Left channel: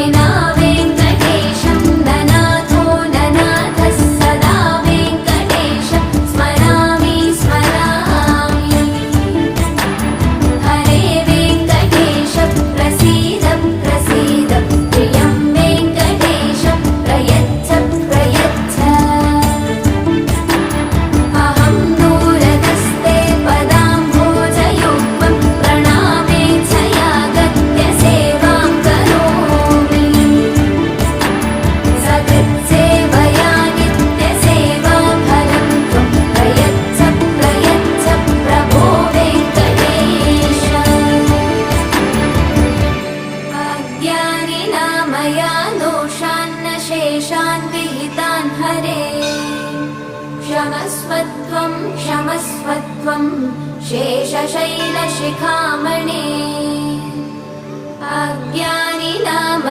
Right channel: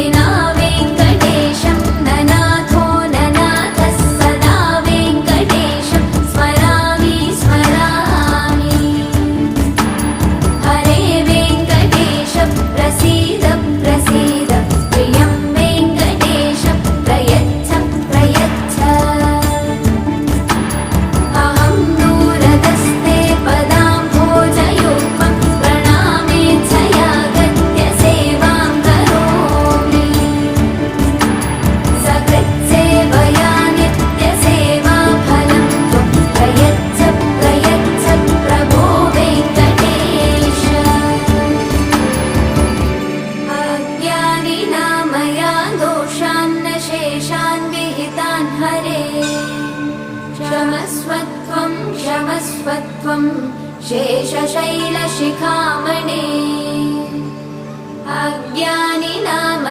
विना वेङ्कटेशं ननाथो ननाथः सदा वेङ्कटेशं स्मरामि स्मरामि। हरे वेङ्कटेश प्रसीद प्रसीद प्रियं वेङ्कटेश प्रयच्छ प्रयच्छ। अहं दूरतस्ते पदाम्भोजयुग्मं प्रणामेच्छया गत्य सेवां करोमि। सकृत्सेवया नित्यसेवाफलं त्वं प्रयच्छ प्रयच्छ प्रभो वेङ्कटेश। अज्ञानिना मया दोषान्न शेषान् विहितान् हरे। क्षमस्वत्वं क्षमस्वत्वं शेषशैलशिखामणे। अज्ञानिना